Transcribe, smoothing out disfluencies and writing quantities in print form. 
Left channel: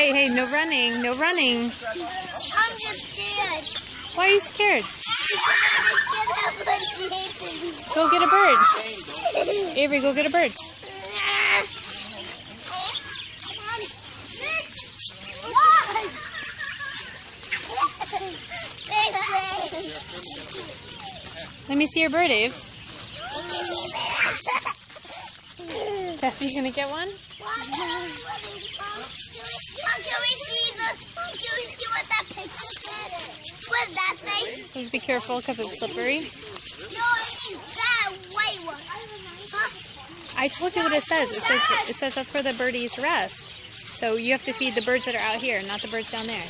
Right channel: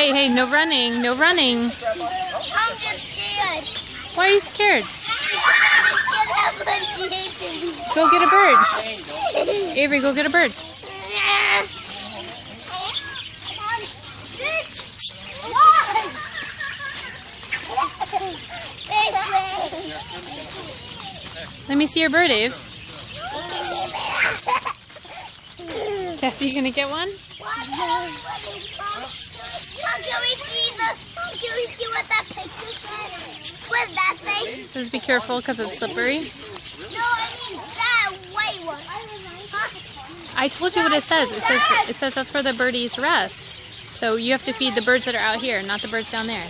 Hey, hey, no running, no running. I'm just scared. Why are you scared? Because Go get a bird. Avery, go get a bird. Let me see your bird, Aves. Cassie, you gonna get one? Can we see what that picture said? What does that say? It says be careful because it's slippery. No, I mean that white one. Huh? I told you what it says. It says that's where the birdies rest. So you have to feed the birds that are out here, not the birds down there.